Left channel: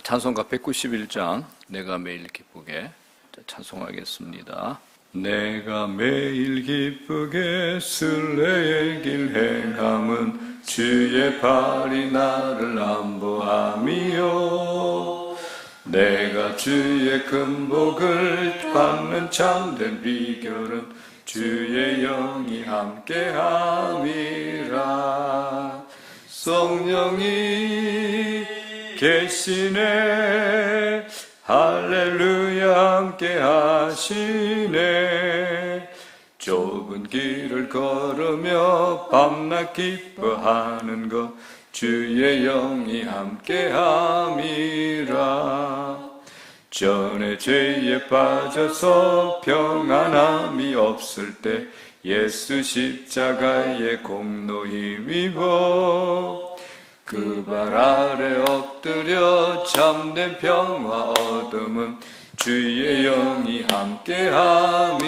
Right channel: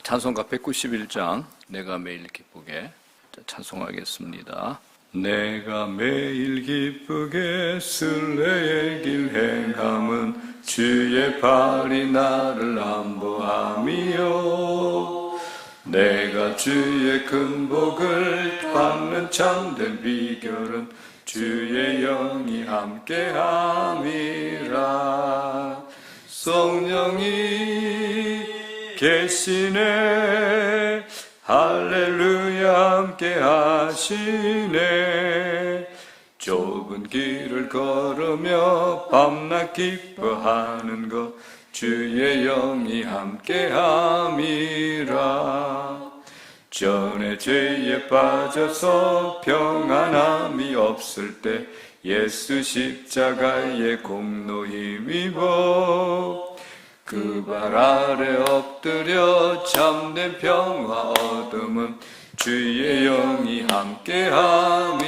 찬송가 191장 내가 매일 기쁘게 찬송하겠습니다. 내가 매일 기쁘게 순례의 길 행함은 주의 팔이 나를 안보함이요 내가 주의 큰 복을 받는 참된 비결은 주의 영이 함께함이라. 성령이 계시네 할렐루야 함께 하시네. 좁은 길을 걸으며 밤낮 기뻐하는 것 주의 영이 함께 함이라. 전에 죄에 빠져서 평안함이 없을 때 예수 십자가의 공로 힘입어 그 발 아래 엎드려 참된 평화 얻음은 주의 영이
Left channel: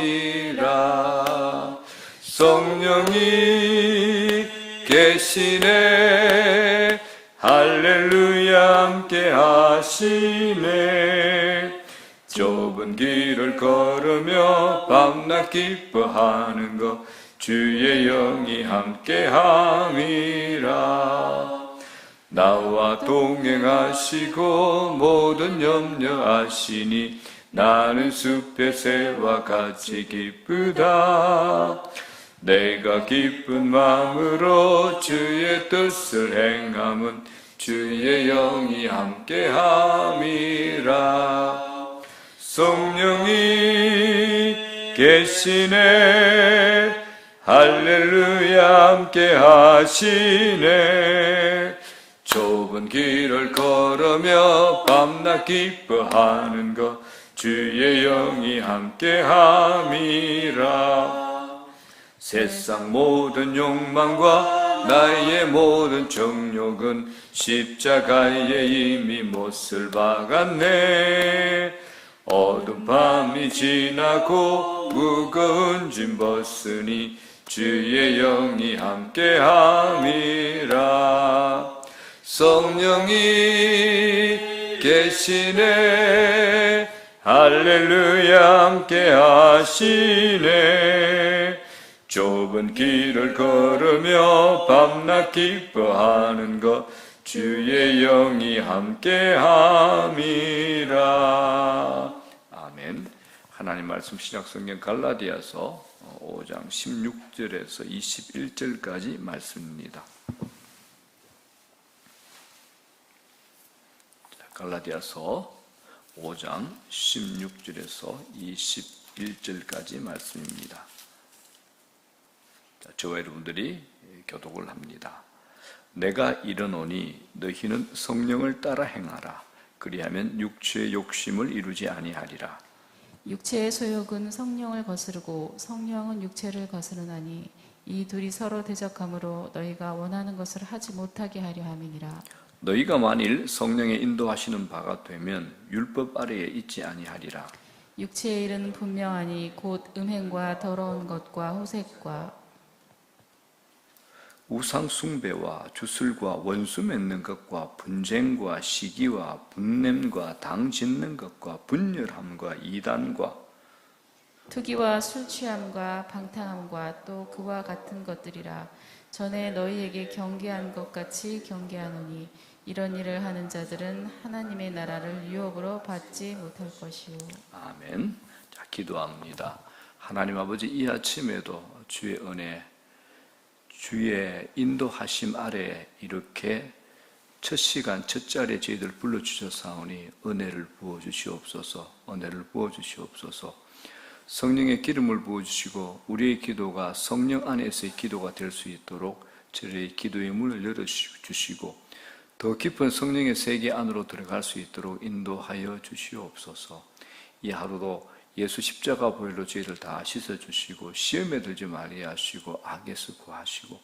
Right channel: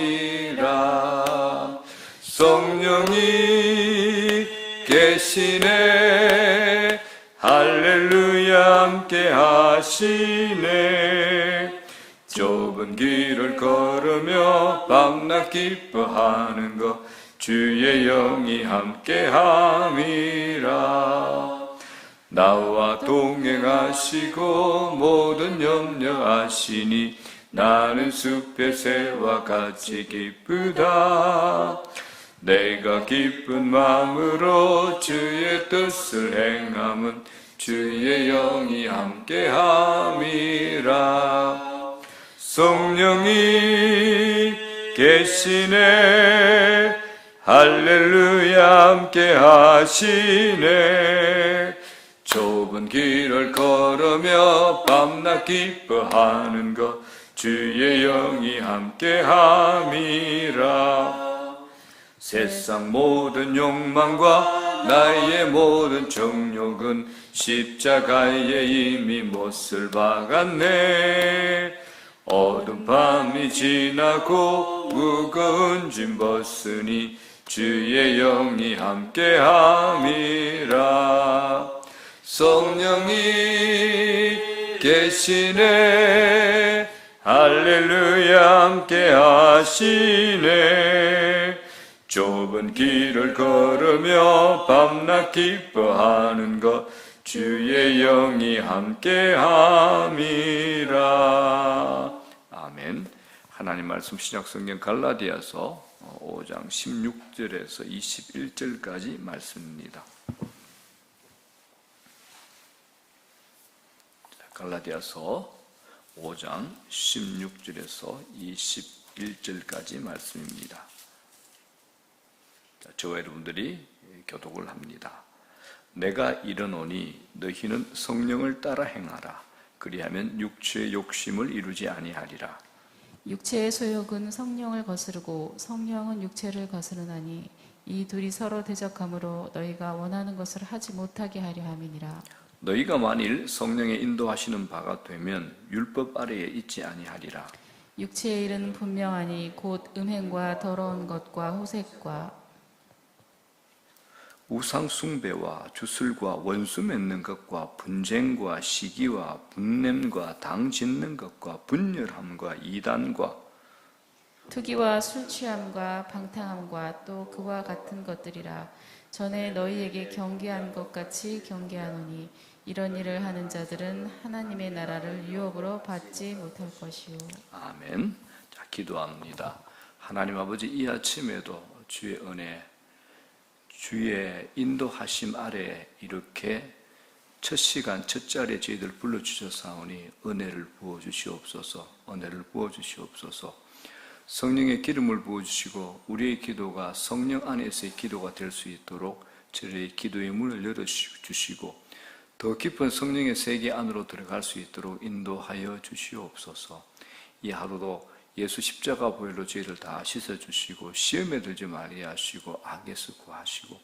함께함이라. 성령이 계시네 할렐루야 함께하시네. 좁은 길을 걸으며 밤낮 기뻐하는 것 주의 영이 함께함이라. 나와 동행하시고 모든 염려하시니 나는 숲의 새와 같이 기쁘다. 내가 기쁜 마음으로 주의 뜻을 행함은 주의 영이 함께함이라. 성령이 계시네 할렐루야 함께하시네. 좁은 길을 걸으며 밤낮 기뻐하는 것 주의 영이 함께함이라. 세상 모든 욕망과 나의 모든 정욕은 십자가에 이미 못을 박았네. 어두운 밤이 지나고 무거운 짐 벗으니 주의 영이 함께함이라. 성령이 계시네 할렐루야 함께하시네. 좁은 길을 걸으며 밤낮 기뻐하는 것 주의 영이 함께함이라. 아멘. 하나님 말씀 신약성경 갈라디아서 5장 16절에서 21절까지 말씀입니다. 갈라디아서 5장 16절에서 21절까지 말씀입니다. 저와 여러분들이 교독을 합니다. 내가 이르노니 너희는 성령을 따라 행하라. 그리하면 육체의 욕심을 이루지 아니하리라. 육체의 소욕은 성령을 거스르고 성령은 육체를 거스르나니 이 둘이 서로 대적하므로 너희가 원하는 것을 하지 못하게 하려 함이니라. 너희가 만일 성령의 인도하시는 바가 되면 율법 아래에 있지 아니하리라. 육체의 일은 분명하니 곧 음행과 더러운 것과 호색과 우상 숭배와 주술과 원수 맺는 것과 분쟁과 시기와 분냄과 당 짓는 것과 분열함과 이단과 투기와 술 취함과 방탕함과 또 그와 같은 것들이라. 전에 너희에게 경계한 것 같이 경계하노니 이런 일을 하는 자들은 하나님의 나라를 유업으로 받지 못할 것이요. 아멘. 자, 기도합니다. 하나님 아버지, 이 아침에도 주의 은혜, 주의 인도하심 아래 이렇게 첫 시간, 첫 자리에 저희들 불러주셨사오니 은혜를 부어주시옵소서. 은혜를 부어주시옵소서. 성령의 기름을 부어주시고 우리의 기도가 성령 안에서의 기도가 될 수 있도록 저희의 기도의 문을 열어주시고 더 깊은 성령의 세계 안으로 들어갈 수 있도록 인도하여 주시옵소서. 이 하루도 예수 십자가 보혈로 저희들 다 씻어주시고 시험에 들지 말게 하시고 악에서 구하시고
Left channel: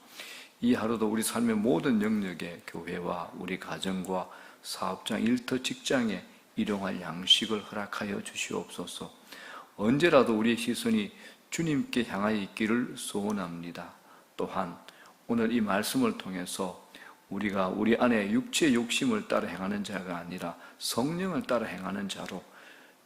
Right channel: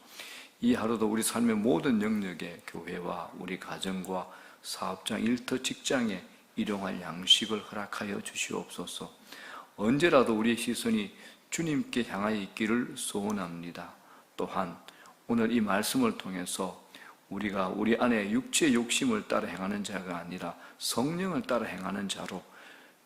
이 하루도 우리 삶의 모든 영역에 교회와 우리 가정과 사업장, 일터, 직장에 일용할 양식을 허락하여 주시옵소서. 언제라도 우리의 시선이 주님께 향하여 있기를 소원합니다. 또한 오늘 이 말씀을 통해서 우리가 우리 안에 육체의 욕심을 따라 행하는 자가 아니라 성령을 따라 행하는 자로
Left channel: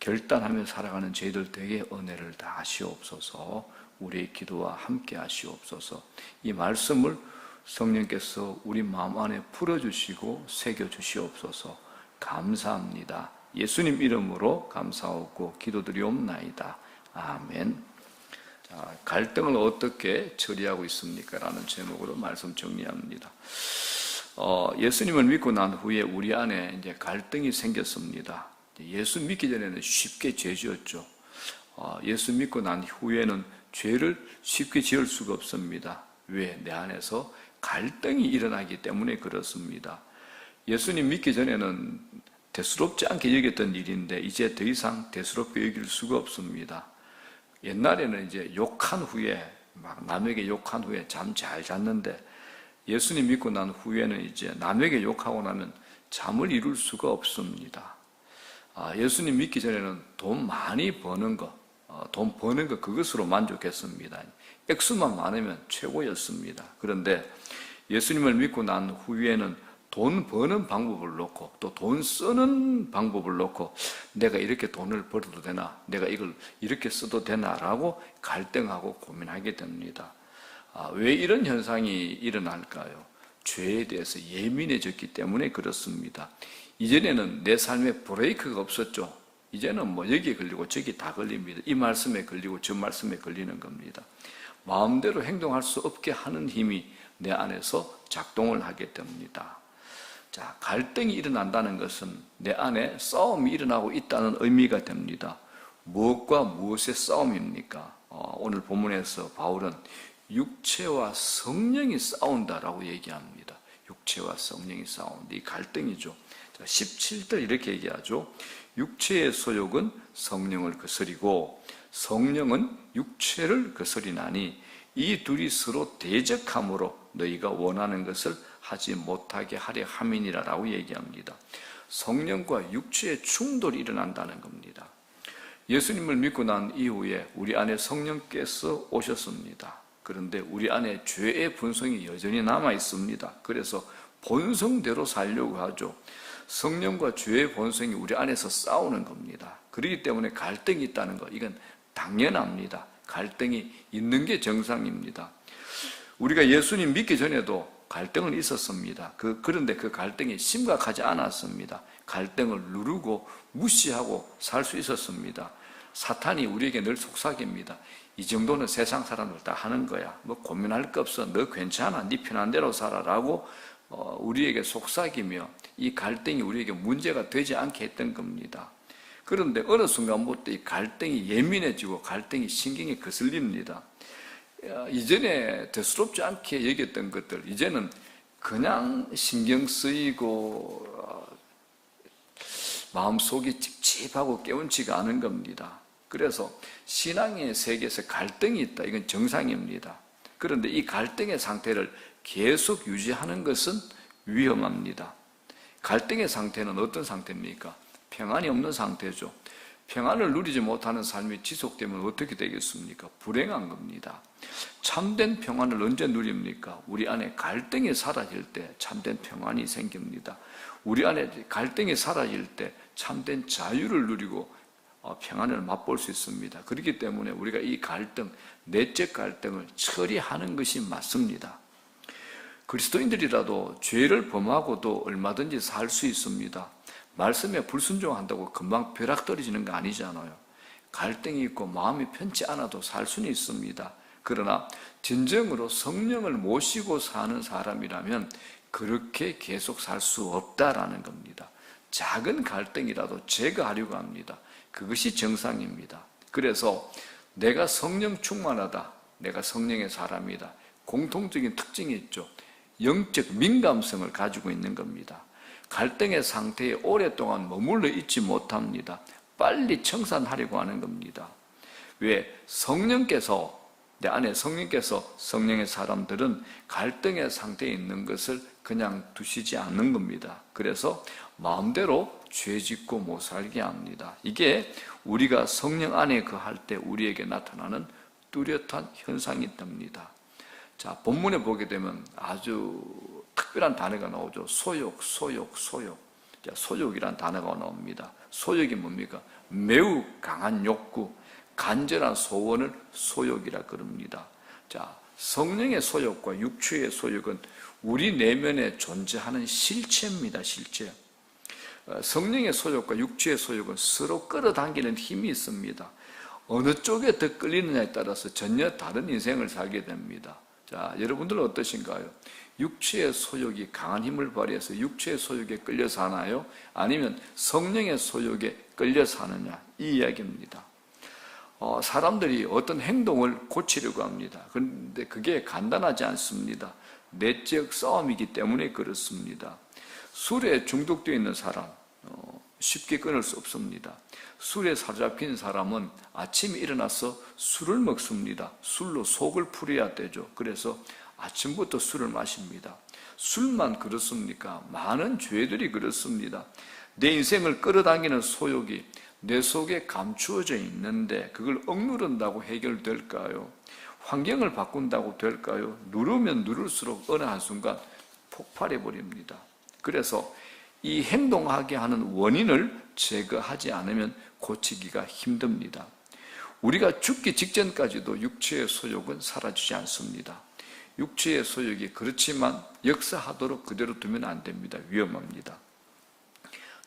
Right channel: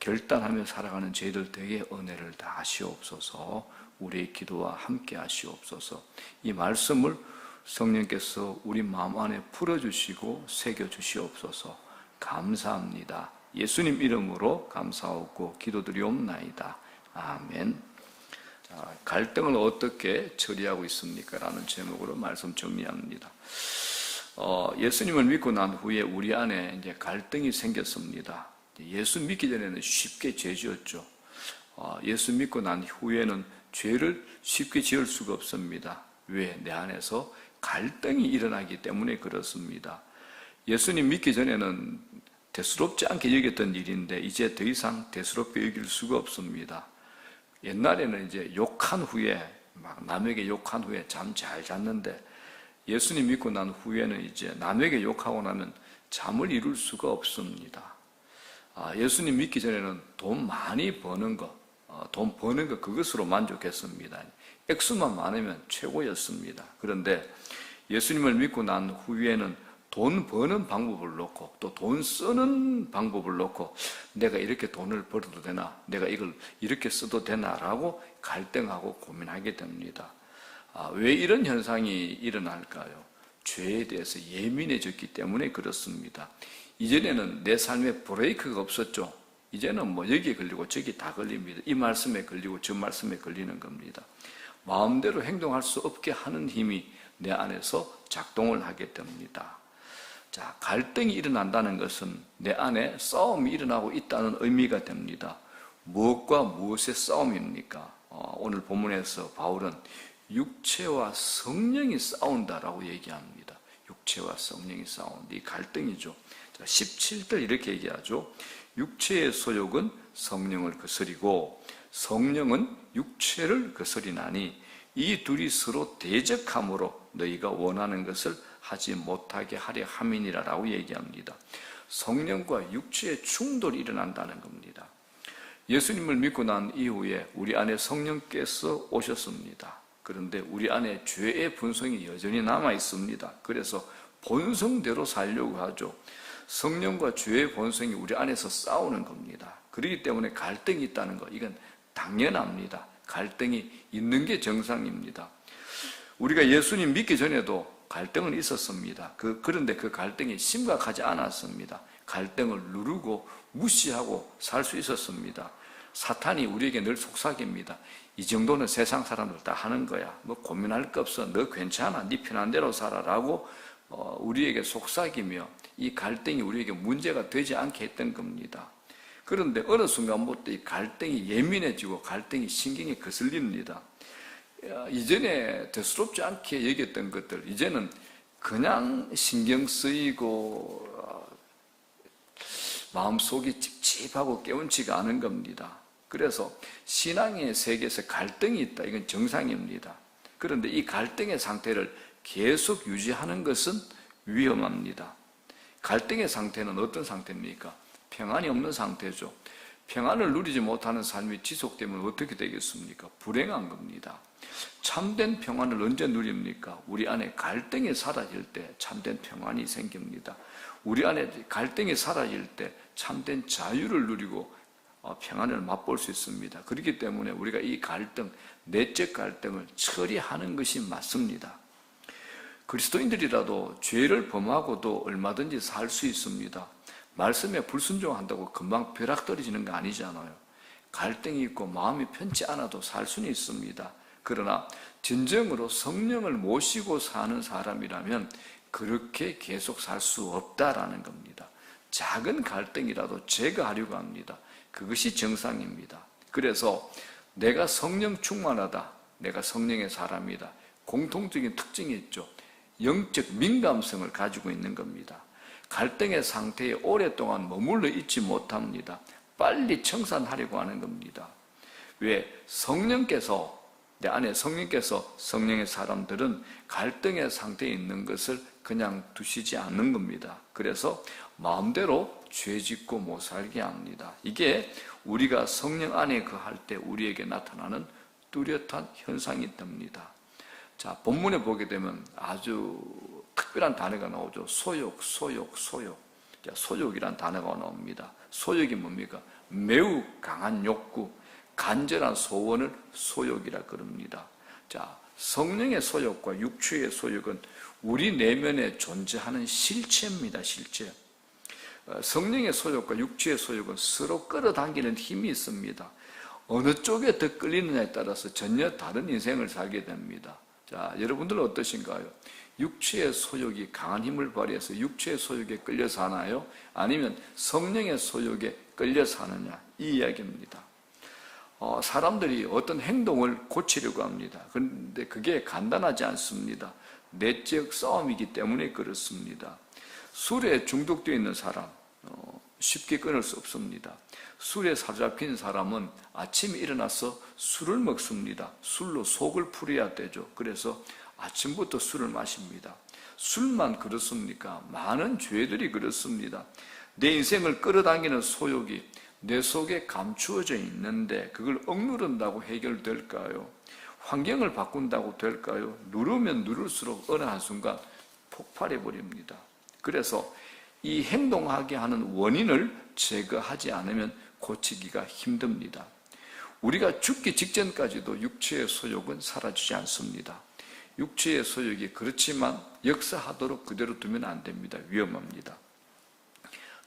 결단하며 살아가는 저희들 되게 은혜를 다 하시옵소서. 우리의 기도와 함께 하시옵소서. 이 말씀을 성령께서 우리 마음 안에 풀어주시고 새겨주시옵소서. 감사합니다. 예수님 이름으로 감사하고 기도드리옵나이다. 아멘. 자, 갈등을 어떻게 처리하고 있습니까? 라는 제목으로 말씀 정리합니다. 예수님을 믿고 난 후에 우리 안에 이제 갈등이 생겼습니다. 예수 믿기 전에는 쉽게 죄 지었죠. 예수 믿고 난 후에는 죄를 쉽게 지을 수가 없습니다. 왜? 내 안에서 갈등이 일어나기 때문에 그렇습니다. 예수님 믿기 전에는 대수롭지 않게 여겼던 일인데 이제 더 이상 대수롭게 여길 수가 없습니다. 옛날에는 이제 욕한 후에 막 남에게 욕한 후에 잠 잘 잤는데 예수님 믿고 난 후에는 이제 남에게 욕하고 나면 잠을 이룰 수가 없습니다. 예수님 믿기 전에는 돈 많이 버는 거, 그것으로 만족했습니다. 액수만 많으면 최고였습니다. 그런데 예수님을 믿고 난 후에는 돈 버는 방법을 놓고 또 돈 쓰는 방법을 놓고 내가 이렇게 돈을 벌어도 되나, 내가 이걸 이렇게 써도 되나라고 갈등하고 고민하게 됩니다. 왜 이런 현상이 일어날까요? 죄에 대해서 예민해졌기 때문에 그렇습니다. 이전에는 내 삶에 브레이크가 없었죠. 이제는 뭐 여기에 걸리고 저기 다 걸립니다. 이 말씀에 걸리고 저 말씀에 걸리는 겁니다. 마음대로 행동할 수 없게 하는 힘이 내 안에서 작동을 하게 됩니다. 자, 갈등이 일어난다는 것은 내 안에 싸움이 일어나고 있다는 의미가 됩니다. 무엇과 무엇의 싸움입니까? 오늘 본문에서 바울은 육체와 성령이 싸운다라고 얘기합니다. 육체와 성령이 싸운다. 이 갈등이죠. 17절 이렇게 얘기하죠. 육체의 소욕은 성령을 거스리고 성령은 육체를 거스리나니 이 둘이 서로 대적함으로 너희가 원하는 것을 하지 못하게 하려 함이니라라고 얘기합니다. 성령과 육체의 충돌이 일어난다는 겁니다. 예수님을 믿고 난 이후에 우리 안에 성령께서 오셨습니다. 그런데 우리 안에 죄의 본성이 여전히 남아 있습니다. 그래서 본성대로 살려고 하죠. 성령과 죄의 본성이 우리 안에서 싸우는 겁니다. 그렇기 때문에 갈등이 있다는 것, 이건 당연합니다. 갈등이 있는 게 정상입니다. 우리가 예수님 믿기 전에도 갈등은 있었습니다. 그런데 그 갈등이 심각하지 않았습니다. 갈등을 누르고 무시하고 살 수 있었습니다. 사탄이 우리에게 늘 속삭입니다. 이 정도는 세상 사람들 다 하는 거야. 뭐 고민할 거 없어. 너 괜찮아. 네 편한 대로 살아라고 우리에게 속삭이며 이 갈등이 우리에게 문제가 되지 않게 했던 겁니다. 그런데 어느 순간부터 이 갈등이 예민해지고 갈등이 신경에 거슬립니다. 이전에 대수롭지 않게 여겼던 것들, 이제는 그냥 신경 쓰이고 마음속이 찝찝하고 깨운치가 않은 겁니다. 그래서 신앙의 세계에서 갈등이 있다. 이건 정상입니다. 그런데 이 갈등의 상태를 계속 유지하는 것은 위험합니다. 갈등의 상태는 어떤 상태입니까? 평안이 없는 상태죠. 평안을 누리지 못하는 삶이 지속되면 어떻게 되겠습니까? 불행한 겁니다. 참된 평안을 언제 누립니까? 우리 안에 갈등이 사라질 때 참된 평안이 생깁니다. 우리 안에 갈등이 사라질 때 참된 자유를 누리고 평안을 맛볼 수 있습니다. 그렇기 때문에 우리가 이 갈등, 내적 갈등을 처리하는 것이 맞습니다. 그리스도인들이라도 죄를 범하고도 얼마든지 살 수 있습니다. 말씀에 불순종한다고 금방 벼락 떨어지는 거 아니잖아요. 갈등이 있고 마음이 편치 않아도 살 수는 있습니다. 그러나 진정으로 성령을 모시고 사는 사람이라면 그렇게 계속 살 수 없다라는 겁니다. 작은 갈등이라도 제거하려고 합니다. 그것이 정상입니다. 그래서 내가 성령 충만하다, 내가 성령의 사람이다. 공통적인 특징이 있죠. 영적 민감성을 가지고 있는 겁니다. 갈등의 상태에 오랫동안 머물러 있지 못합니다. 빨리 청산하려고 하는 겁니다. 왜? 성령께서, 내 안에 성령께서, 성령의 사람들은 갈등의 상태에 있는 것을 그냥 두시지 않는 겁니다. 그래서 마음대로 죄 짓고 못 살게 합니다. 이게 우리가 성령 안에 거할 때 우리에게 나타나는 뚜렷한 현상이 됩니다. 자, 본문에 보게 되면 아주 특별한 단어가 나오죠. 소욕. 자, 소욕이란 단어가 나옵니다. 소욕이 뭡니까? 매우 강한 욕구, 간절한 소원을 소욕이라 그럽니다. 자, 성령의 소욕과 육체의 소욕은 우리 내면에 존재하는 실체입니다. 실체. 성령의 소욕과 육체의 소욕은 서로 끌어당기는 힘이 있습니다. 어느 쪽에 더 끌리느냐에 따라서 전혀 다른 인생을 살게 됩니다. 자, 여러분들은 어떠신가요? 육체의 소욕이 강한 힘을 발휘해서 육체의 소욕에 끌려 사나요? 아니면 성령의 소욕에 끌려 사느냐? 이 이야기입니다. 사람들이 어떤 행동을 고치려고 합니다. 그런데 그게 간단하지 않습니다. 내적 싸움이기 때문에 그렇습니다. 술에 중독되어 있는 사람, 쉽게 끊을 수 없습니다. 술에 사로잡힌 사람은 아침에 일어나서 술을 먹습니다. 술로 속을 풀어야 되죠. 그래서 아침부터 술을 마십니다. 술만 그렇습니까? 많은 죄들이 그렇습니다. 내 인생을 끌어당기는 소욕이 내 속에 감추어져 있는데 그걸 억누른다고 해결될까요? 환경을 바꾼다고 될까요? 누르면 누를수록 어느 한순간 폭발해버립니다. 그래서 이 행동하게 하는 원인을 제거하지 않으면 고치기가 힘듭니다. 우리가 죽기 직전까지도 육체의 소욕은 사라지지 않습니다. 육체의 소욕이 그렇지만 역사하도록 그대로 두면 안 됩니다. 위험합니다.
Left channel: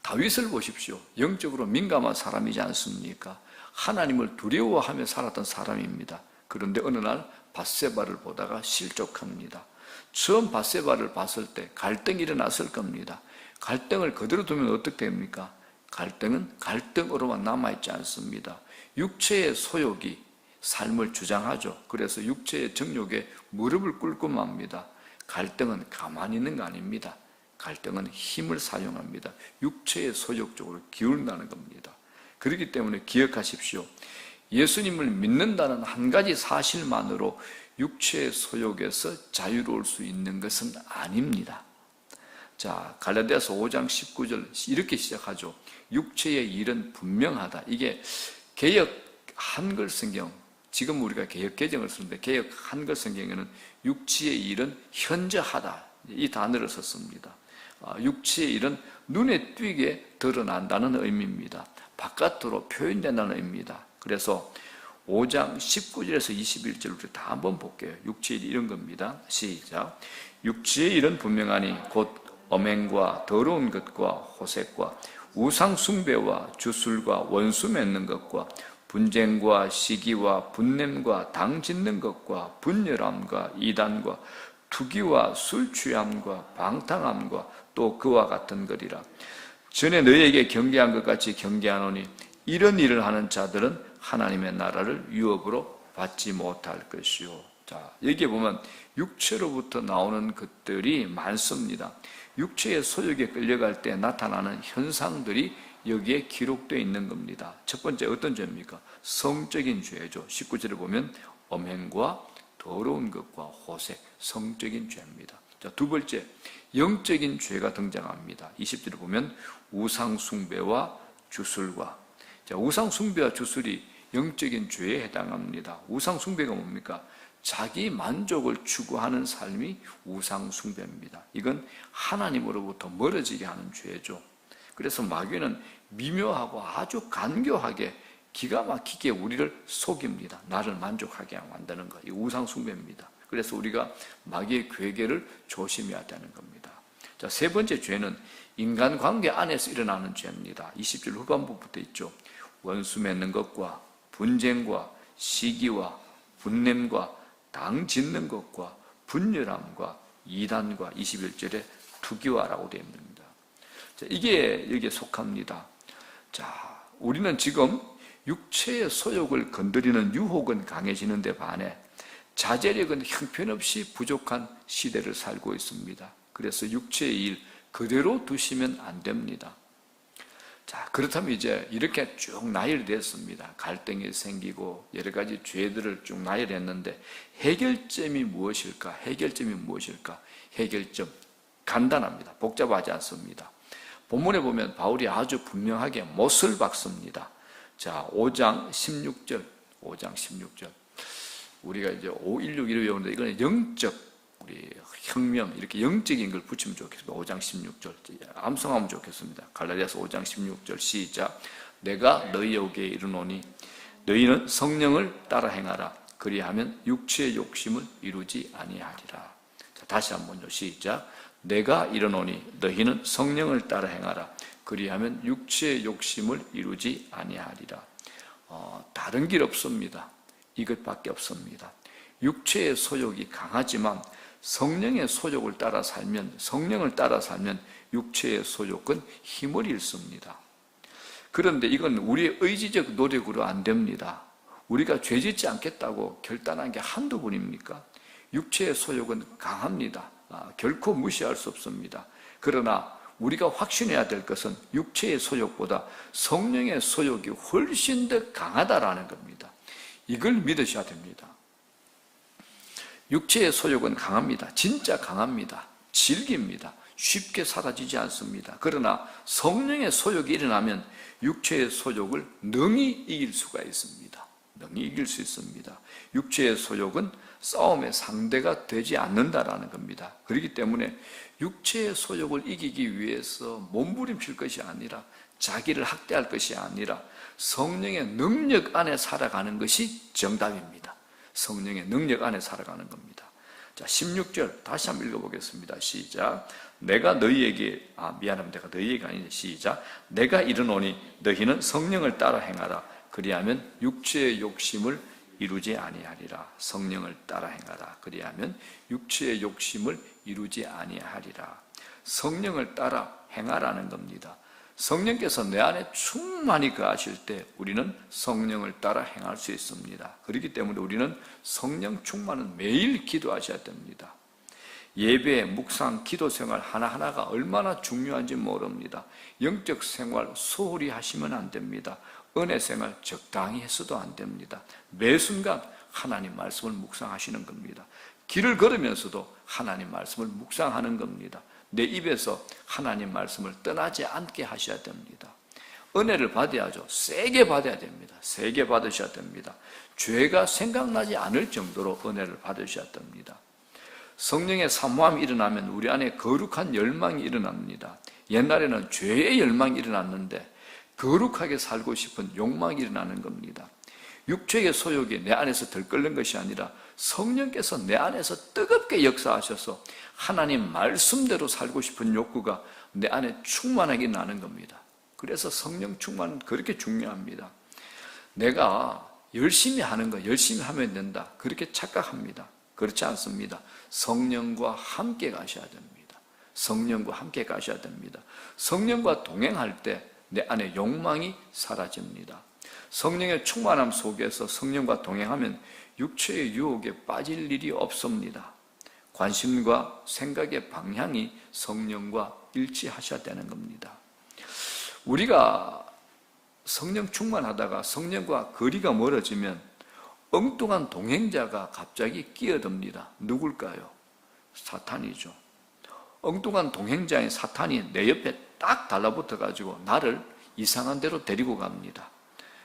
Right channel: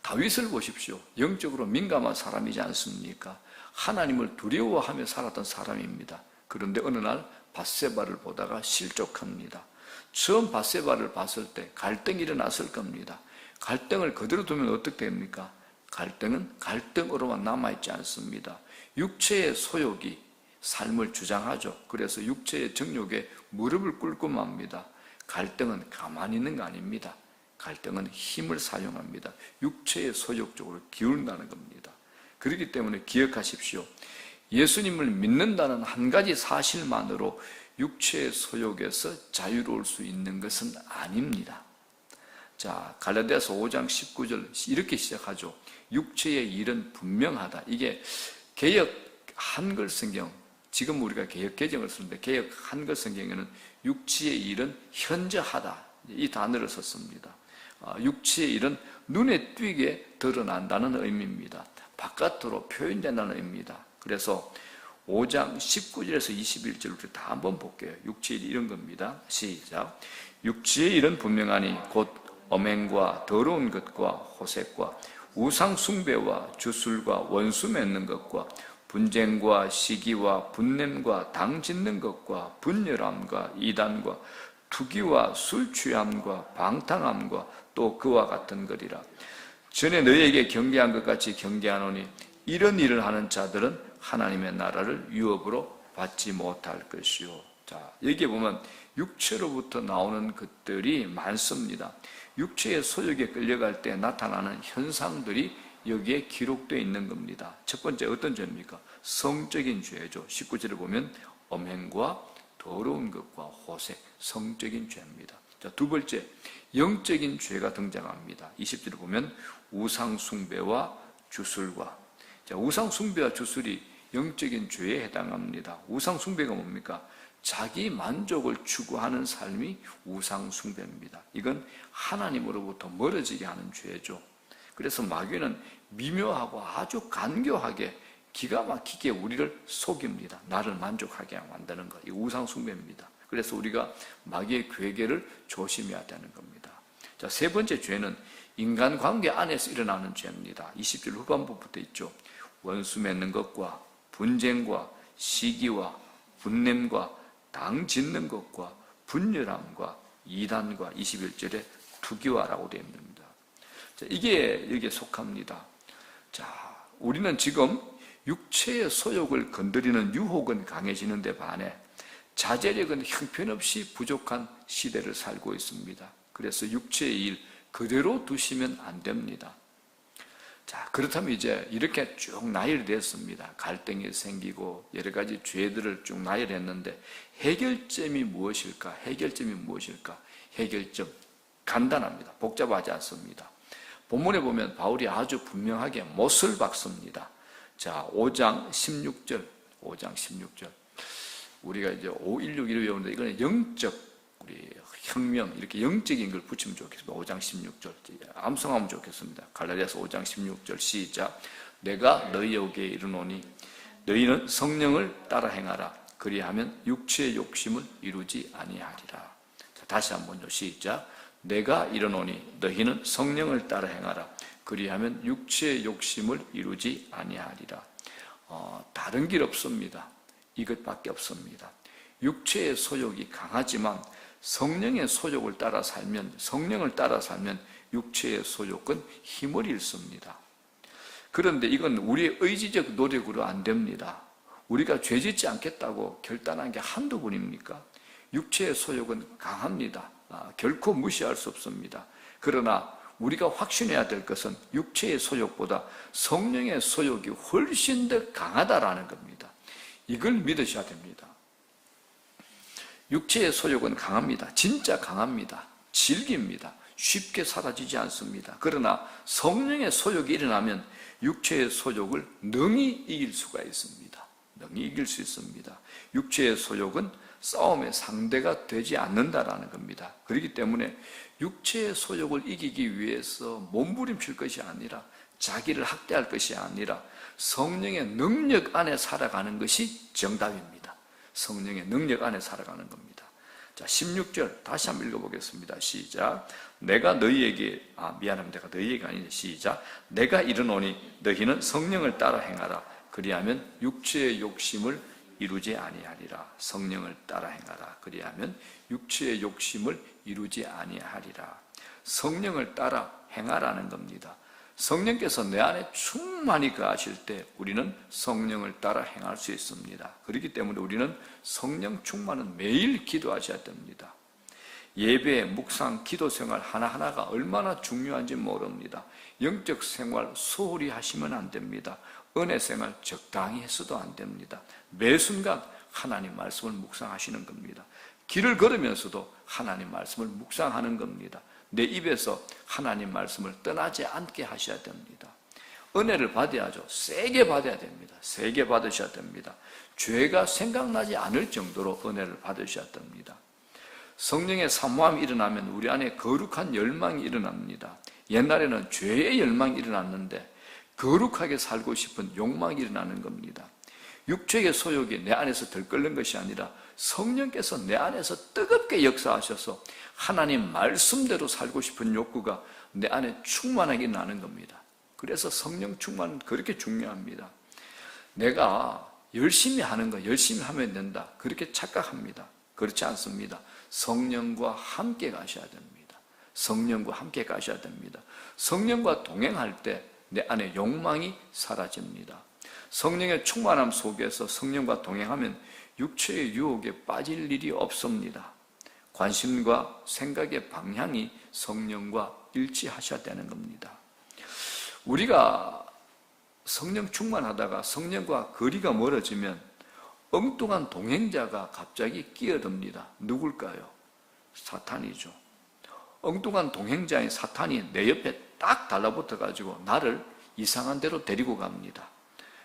다윗을 보십시오. 영적으로 민감한 사람이지 않습니까? 하나님을 두려워하며 살았던 사람입니다. 그런데 어느 날 밧세바를 보다가 실족합니다. 처음 밧세바를 봤을 때 갈등이 일어났을 겁니다. 갈등을 그대로 두면 어떻게 됩니까? 갈등은 갈등으로만 남아있지 않습니다. 육체의 소욕이 삶을 주장하죠. 그래서 육체의 정욕에 무릎을 꿇고 맙니다. 갈등은 가만히 있는 거 아닙니다. 갈등은 힘을 사용합니다. 육체의 소욕 쪽으로 기울다는 겁니다. 그렇기 때문에 기억하십시오. 예수님을 믿는다는 한 가지 사실만으로 육체의 소욕에서 자유로울 수 있는 것은 아닙니다. 자, 갈라디아서 5장 19절 이렇게 시작하죠. 육체의 일은 분명하다. 이게 개역 한글 성경, 지금 우리가 개역 개정을 쓰는데 개역 한글 성경에는 육체의 일은 현저하다. 이 단어를 썼습니다. 육체의 일은 눈에 띄게 드러난다는 의미입니다. 바깥으로 표현된다는 의미입니다. 그래서 5장 19절에서 21절을 다 한번 볼게요. 육체의 일 이런 겁니다. 시작. 육체의 일은 분명하니 곧 엄행과 더러운 것과 호색과 우상 숭배와 주술과 원수 맺는 것과 분쟁과 시기와 분냄과 당 짓는 것과 분열함과 이단과 투기와 술 취함과 방탕함과 또 그와 같은 것이라. 전에 너희에게 경계한 것 같이 경계하노니 이런 일을 하는 자들은 하나님의 나라를 유업으로 받지 못할 것이요. 자, 여기에 보면 육체로부터 나오는 것들이 많습니다. 육체의 소욕에 끌려갈 때 나타나는 현상들이 여기에 기록되어 있는 겁니다. 첫 번째 어떤 죄입니까? 성적인 죄죠. 19절에 보면 엄행과 더러운 것과 호색, 성적인 죄입니다. 자, 두 번째, 영적인 죄가 등장합니다. 20절에 보면 우상숭배와 주술과. 자, 우상숭배와 주술이 영적인 죄에 해당합니다. 우상숭배가 뭡니까? 자기 만족을 추구하는 삶이 우상숭배입니다. 이건 하나님으로부터 멀어지게 하는 죄죠. 그래서 마귀는 미묘하고 아주 간교하게 기가 막히게 우리를 속입니다. 나를 만족하게 만드는 것. 이 우상숭배입니다. 그래서 우리가 마귀의 괴계를 조심해야 되는 겁니다. 자, 세 번째 죄는 인간관계 안에서 일어나는 죄입니다. 20절 후반부부터 있죠. 원수 맺는 것과 분쟁과 시기와 분냄과 당 짓는 것과 분열함과 이단과 21절에 투기와라고 되어 있습니다. 자, 이게 여기에 속합니다. 자, 우리는 지금 육체의 소욕을 건드리는 유혹은 강해지는데 반해 자제력은 형편없이 부족한 시대를 살고 있습니다. 그래서 육체의 일 그대로 두시면 안 됩니다. 자, 그렇다면 이제 이렇게 쭉 나열됐습니다. 갈등이 생기고 여러 가지 죄들을 쭉 나열했는데 해결점이 무엇일까? 해결점 간단합니다. 복잡하지 않습니다. 본문에 보면 바울이 아주 분명하게 못을 박습니다. 자, 5장 16절. 우리가 이제 516을 외우는데 이거는 영적 우리 혁명 이렇게 영적인 걸 붙이면 좋겠습니다. 5장 16절 암송하면 좋겠습니다. 갈라디아서 5장 16절 시작. 내가 너희에게 이르노니 너희는 성령을 따라 행하라. 그리하면 육체의 욕심을 이루지 아니하리라. 자, 다시 한번요. 시작. 내가 이르노니 너희는 성령을 따라 행하라. 그리하면 육체의 욕심을 이루지 아니하리라. 다른 길 없습니다. 이것밖에 없습니다. 육체의 소욕이 강하지만 성령의 소욕을 따라 살면, 성령을 따라 살면 육체의 소욕은 힘을 잃습니다. 그런데 이건 우리의 의지적 노력으로 안 됩니다. 우리가 죄짓지 않겠다고 결단한 게 한두 번입니까? 육체의 소욕은 강합니다. 결코 무시할 수 없습니다. 그러나 우리가 확신해야 될 것은 육체의 소욕보다 성령의 소욕이 훨씬 더 강하다라는 겁니다. 이걸 믿으셔야 됩니다. 육체의 소욕은 강합니다. 진짜 강합니다. 질깁니다. 쉽게 사라지지 않습니다. 그러나 성령의 소욕이 일어나면 육체의 소욕을 능히 이길 수가 있습니다. 능히 이길 수 있습니다. 육체의 소욕은 싸움의 상대가 되지 않는다라는 겁니다. 그렇기 때문에 육체의 소욕을 이기기 위해서 몸부림칠 것이 아니라 자기를 학대할 것이 아니라 성령의 능력 안에 살아가는 것이 정답입니다. 성령의 능력 안에 살아가는 겁니다. 자, 16절 다시 한번 읽어보겠습니다. 시작. 내가 너희에게 내가 너희에게 아니지. 시작. 내가 이르노니 너희는 성령을 따라 행하라. 그리하면 육체의 욕심을 이루지 아니하리라. 성령을 따라 행하라. 그리하면 육체의 욕심을 이루지 아니하리라. 성령을 따라 행하라는 겁니다. 성령께서 내 안에 충만히 거하실 때 우리는 성령을 따라 행할 수 있습니다. 그렇기 때문에 우리는 성령 충만은 매일 기도하셔야 됩니다. 예배, 묵상, 기도 생활 하나하나가 얼마나 중요한지 모릅니다. 영적 생활 소홀히 하시면 안 됩니다. 은혜 생활 적당히 해서도 안 됩니다. 매 순간 하나님 말씀을 묵상하시는 겁니다. 길을 걸으면서도 하나님 말씀을 묵상하는 겁니다. 내 입에서 하나님 말씀을 떠나지 않게 하셔야 됩니다. 은혜를 받아야죠. 세게 받아야 됩니다. 세게 받으셔야 됩니다. 죄가 생각나지 않을 정도로 은혜를 받으셔야 됩니다. 성령의 사모함이 일어나면 우리 안에 거룩한 열망이 일어납니다. 옛날에는 죄의 열망이 일어났는데 거룩하게 살고 싶은 욕망이 일어나는 겁니다. 육체의 소욕이 내 안에서 들끓는 것이 아니라 성령께서 내 안에서 뜨겁게 역사하셔서 하나님 말씀대로 살고 싶은 욕구가 내 안에 충만하게 나는 겁니다. 그래서 성령 충만은 그렇게 중요합니다. 내가 열심히 하는 거 열심히 하면 된다. 그렇게 착각합니다. 그렇지 않습니다. 성령과 함께 가셔야 됩니다. 성령과 함께 가셔야 됩니다. 성령과 동행할 때 내 안에 욕망이 사라집니다. 성령의 충만함 속에서 성령과 동행하면 육체의 유혹에 빠질 일이 없습니다. 관심과 생각의 방향이 성령과 일치하셔야 되는 겁니다. 우리가 성령 충만하다가 성령과 거리가 멀어지면 엉뚱한 동행자가 갑자기 끼어듭니다. 누굴까요? 사탄이죠. 엉뚱한 동행자인 사탄이 내 옆에 딱 달라붙어가지고 나를 이상한 데로 데리고 갑니다.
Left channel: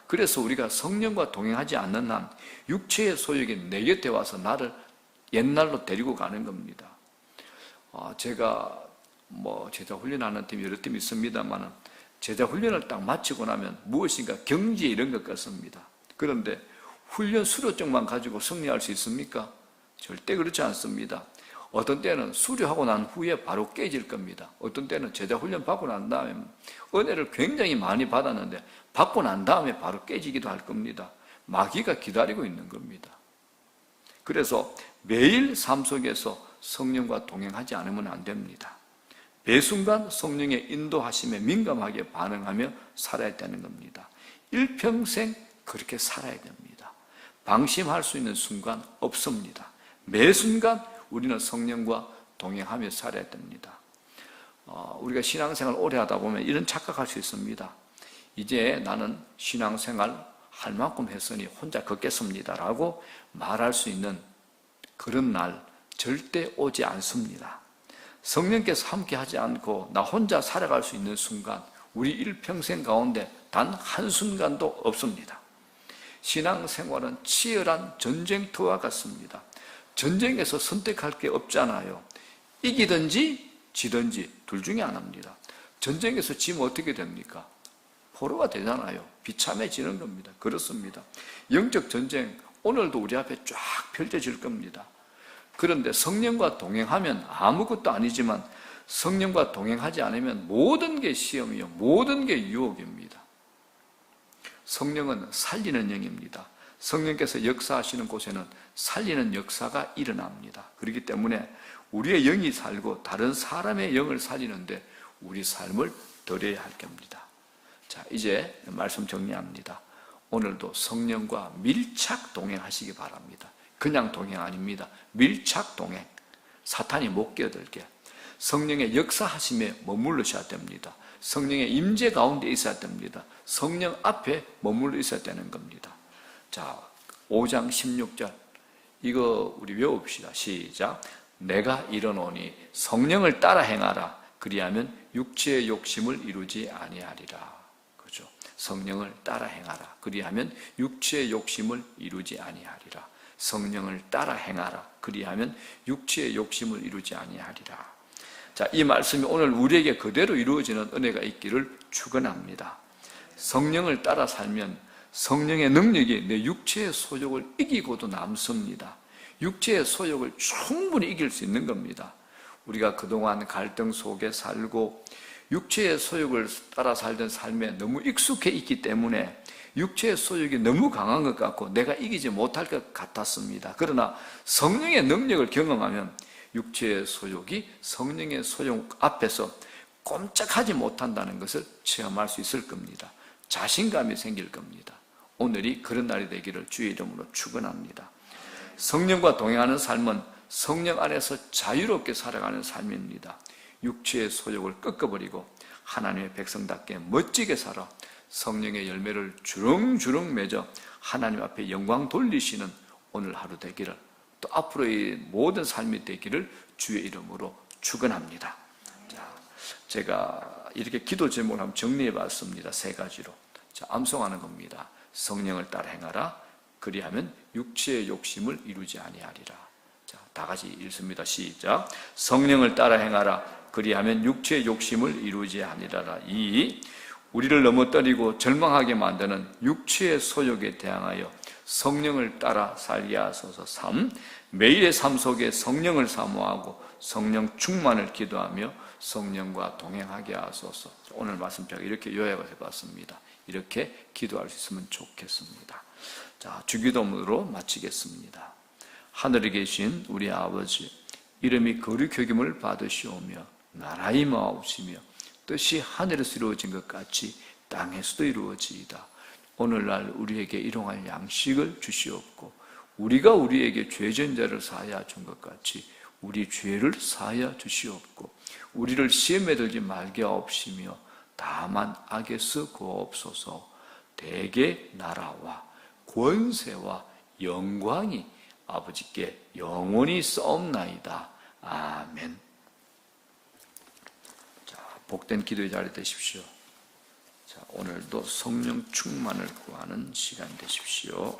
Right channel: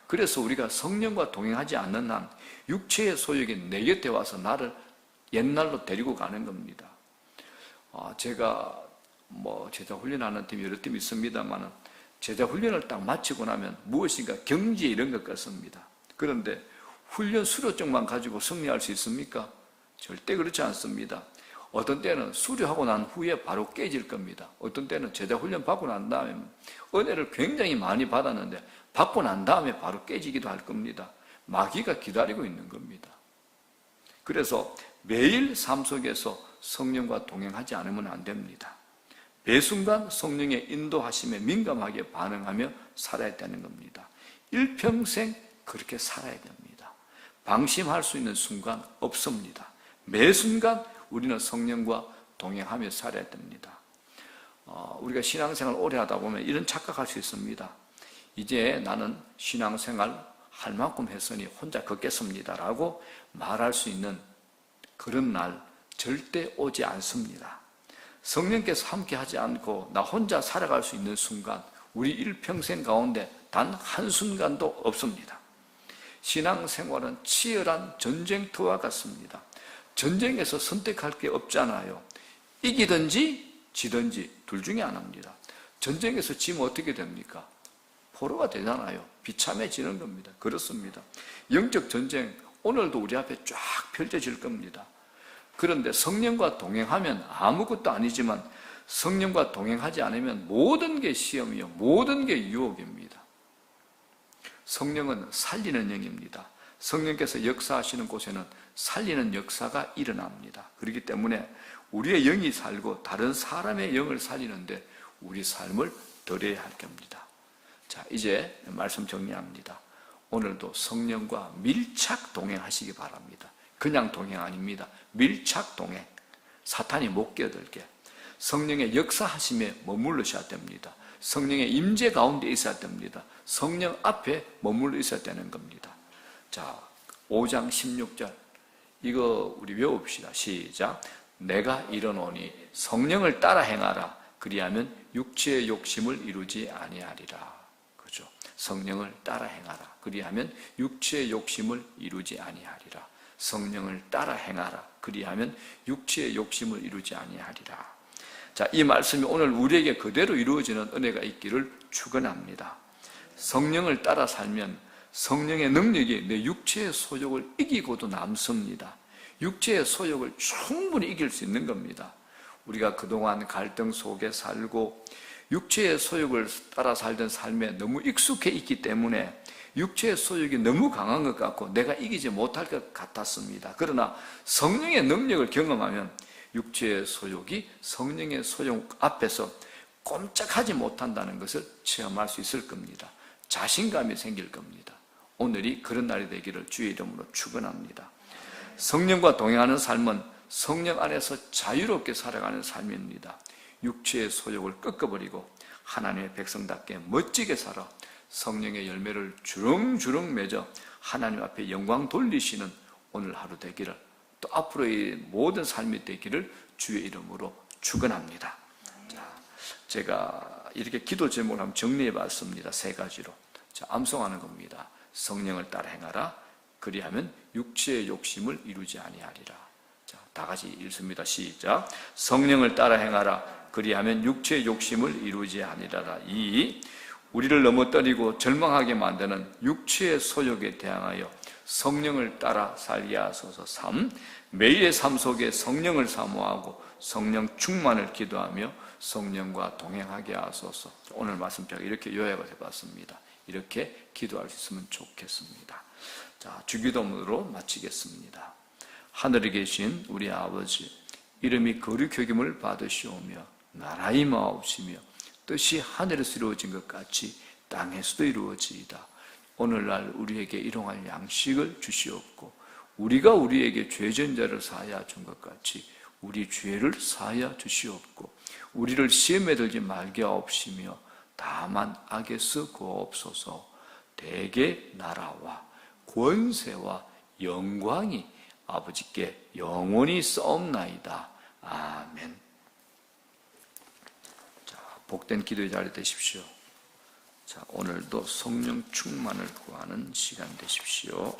그래서 우리가 성령과 동행하지 않는 한 육체의 소욕이 내 곁에 와서 나를 옛날로 데리고 가는 겁니다. 제가 제자 훈련하는 팀 여러 팀이 있습니다만 제자 훈련을 딱 마치고 나면 무엇인가 경지에 이런 것 같습니다. 그런데 훈련 수료증만 가지고 승리할 수 있습니까? 절대 그렇지 않습니다. 어떤 때는 수료하고 난 후에 바로 깨질 겁니다. 어떤 때는 제자 훈련 받고 난 다음에 은혜를 굉장히 많이 받았는데 받고 난 다음에 바로 깨지기도 할 겁니다. 마귀가 기다리고 있는 겁니다. 그래서 매일 삶 속에서 성령과 동행하지 않으면 안 됩니다. 매 순간 성령의 인도하심에 민감하게 반응하며 살아야 되는 겁니다. 일평생 그렇게 살아야 됩니다. 방심할 수 있는 순간 없습니다. 매 순간 우리는 성령과 동행하며 살아야 됩니다. 우리가 신앙생활 오래 하다 보면 이런 착각할 수 있습니다. 이제 나는 신앙생활 할 만큼 했으니 혼자 걷겠습니다라고 말할 수 있는 그런 날 절대 오지 않습니다. 성령께서 함께 하지 않고 나 혼자 살아갈 수 있는 순간 우리 일평생 가운데 단 한순간도 없습니다. 신앙생활은 치열한 전쟁터와 같습니다. 전쟁에서 선택할 게 없잖아요. 이기든지 지든지 둘 중에 하나입니다. 전쟁에서 지면 어떻게 됩니까? 포로가 되잖아요. 비참해지는 겁니다. 그렇습니다. 영적 전쟁 오늘도 우리 앞에 쫙 펼쳐질 겁니다. 그런데 성령과 동행하면 아무것도 아니지만 성령과 동행하지 않으면 모든 게 시험이요. 모든 게 유혹입니다. 성령은 살리는 영입니다. 성령께서 역사하시는 곳에는 살리는 역사가 일어납니다. 그렇기 때문에 우리의 영이 살고 다른 사람의 영을 살리는데 우리 삶을 드려야 할 겁니다. 자, 이제 말씀 정리합니다. 오늘도 성령과 밀착 동행하시기 바랍니다. 그냥 동행 아닙니다. 밀착 동행. 사탄이 못 끼어들게. 성령의 역사하심에 머무르셔야 됩니다. 성령의 임재 가운데 있어야 됩니다. 성령 앞에 머물러 있어야 되는 겁니다. 자, 5장 16절 이거 우리 외웁시다. 시작. 내가 이르노니 성령을 따라 행하라. 그리하면 육체의 욕심을 이루지 아니하리라. 그죠? 성령을 따라 행하라. 그리하면 육체의 욕심을 이루지 아니하리라. 성령을 따라 행하라. 그리하면 육체의 욕심을 이루지 아니하리라. 자, 이 말씀이 오늘 우리에게 그대로 이루어지는 은혜가 있기를 축원합니다. 성령을 따라 살면 성령의 능력이 내 육체의 소욕을 이기고도 남습니다. 육체의 소욕을 충분히 이길 수 있는 겁니다. 우리가 그동안 갈등 속에 살고 육체의 소욕을 따라 살던 삶에 너무 익숙해 있기 때문에 육체의 소욕이 너무 강한 것 같고 내가 이기지 못할 것 같았습니다. 그러나 성령의 능력을 경험하면 육체의 소욕이 성령의 소욕 앞에서 꼼짝하지 못한다는 것을 체험할 수 있을 겁니다. 자신감이 생길 겁니다. 오늘이 그런 날이 되기를 주의 이름으로 축원합니다. 성령과 동행하는 삶은 성령 안에서 자유롭게 살아가는 삶입니다. 육체의 소욕을 꺾어버리고 하나님의 백성답게 멋지게 살아 성령의 열매를 주렁주렁 맺어 하나님 앞에 영광 돌리시는 오늘 하루 되기를 또 앞으로의 모든 삶이 되기를 주의 이름으로 축원합니다. 자, 제가 이렇게 기도 제목을 한번 정리해 봤습니다. 3가지로. 자, 암송하는 겁니다. 성령을 따라 행하라. 그리하면 육체의 욕심을 이루지 아니하리라. 자, 다 같이 읽습니다. 시작. 성령을 따라 행하라. 그리하면 육체의 욕심을 이루지 아니하리라. 2. 우리를 넘어뜨리고 절망하게 만드는 육체의 소욕에 대항하여 성령을 따라 살게 하소서. 3. 매일의 삶 속에 성령을 사모하고 성령 충만을 기도하며 성령과 동행하게 하소서. 오늘 말씀 제가 이렇게 요약을 해봤습니다. 이렇게 기도할 수 있으면 좋겠습니다. 자, 주기도문으로 마치겠습니다. 하늘에 계신 우리 아버지, 이름이 거룩히 여김을 받으시오며 나라의 임하옵시며 뜻이 하늘에서 이루어진 것 같이 땅에서도 이루어지이다. 오늘날 우리에게 일용할 양식을 주시옵고 우리가 우리에게 죄전자를 사하여 준 것 같이 우리 죄를 사하여 주시옵고 우리를 시험에 들지 말게 하옵시며 다만 악에서 구하옵소서. 대개 나라와 권세와 영광이 아버지께 영원히 싸움나이다. 아멘. 자, 복된 기도의 자리 되십시오. 자, 오늘도 성령 충만을 구하는 시간 되십시오.